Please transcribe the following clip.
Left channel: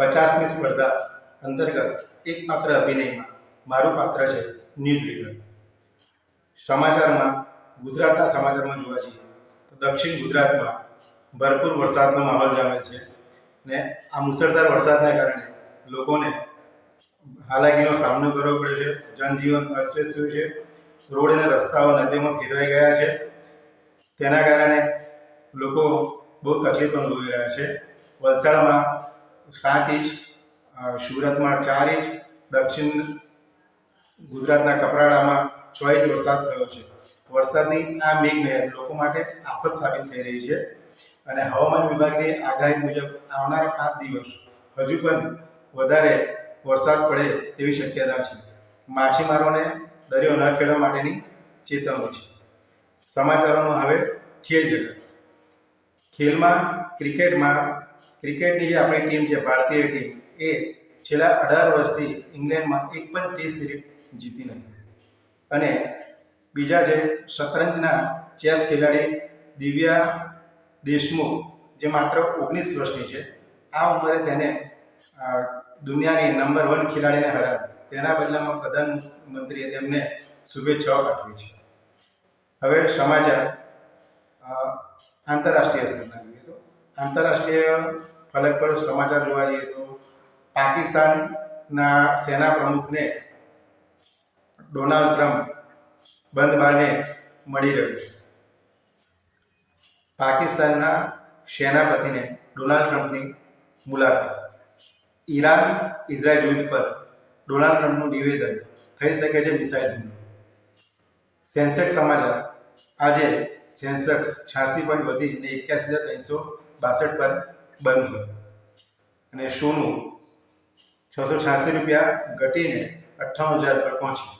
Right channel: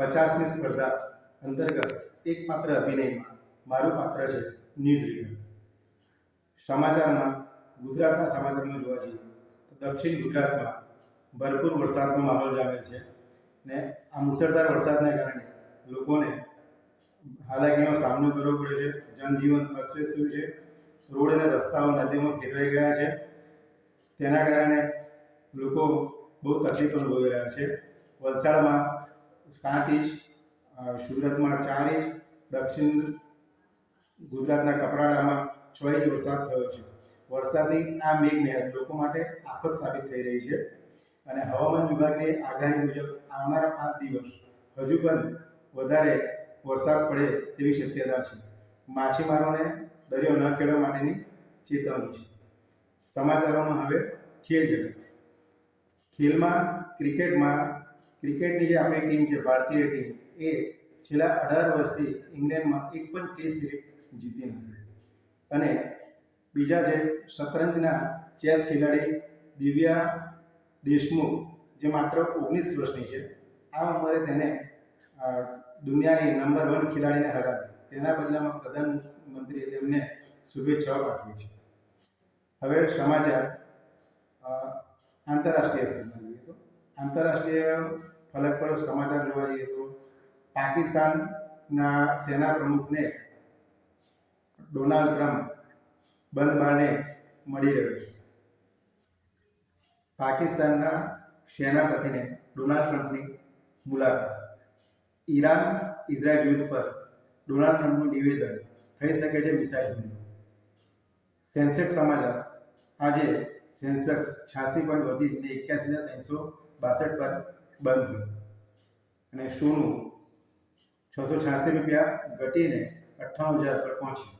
50મી સ્પર્ધા અંતર્ગત એકમાત્ર અભિનયમાં મારું પાત્ર છે ન્યૂઝ રીડર. સમાચારમાં ગુજરાતના સમાચારમાં જોવા જઈએ તો દક્ષિણ ગુજરાતમાં ભરપૂર વરસાદનો માહોલ જામેલ છે ને આ મુસળધાર વરસાદના કારણે લોકોને હાલાકીનો સામનો કરવો પડ્યો છે. જનજીવન અસ્તવ્યસ્ત થયું છે. રોડ અને રસ્તાઓ નદીમાં ફેરવાઈ ગયા છે. તેના કારણે લોકો બહુ તકલીફ અનુભવી રહ્યા છે. વલસાડમાં 7 ઇંચ, સુરતમાં 4 ઇંચ, દક્ષિણ ગુજરાતના કપરાડામાં 6 ઇંચ વરસાદ થયો છે. વરસાદની આ મેઘમહેર લોકો માટે આફત સાબિત થઈ રહી છે અને હવામાન વિભાગની આગાહી મુજબ આવનારા 5 દિવસ હજુ પણ વધારે વરસાદ પડે તેવી શક્યતા છે. માછીમારોને દરિયો ન ખેડવા માટેની ચેતવણી છે. સમાચારોમાં હવે ખેલ જગત. ખેલમાં ક્રિકેટની જે આપણી ટીમ છે, ભારતીય ટીમ, એ છેલ્લા 18 વર્ષથી ઇંગ્લેન્ડમાં એક પણ ટેસ્ટ સિરીઝ જીતી નથી. અને બીજા જે શતરંજના ચેસ ખેલાડી દિવ્યા દેશમુખ, જે માત્ર 19 વર્ષની છે, આ ઉંમરે તેને દુનિયાની નંબર 1 ખેલાડીને હરાવી. તેના બદલામાં પ્રધાનમંત્રીએ તેમને શુભેચ્છાઓ પાઠવી છે. હવે સમાચાર આંતરરાષ્ટ્રીય સ્તરના જોઈએ તો આંતરરાષ્ટ્રીય ફલક પર સમાચાર જોવા જઈએ તો પાકિસ્તાનના સેના પ્રમુખને ડોનાલ્ડ ટ્રમ્પ બંધ બારણે મળી રહ્યો છે. પાકિસ્તાનના સેનાપતિને ડોનાલ્ડ ટ્રમ્પની મુલાકાત. ઈરાન ઇઝરાયલ યુદ્ધ પર ડોનાલ્ડ ટ્રમ્પનું નિવેદન, થઈ શકે છે મિસાઇલ હુમલો. સેન્સેક્સ સમાચાર. આજે સેન્સેક્સ 86 પોઈન્ટ વધીને 81,362 પર બંધ થયો અને સોનું 686 રૂપિયા ઘટીને 58,000 પર પહોંચ્યું.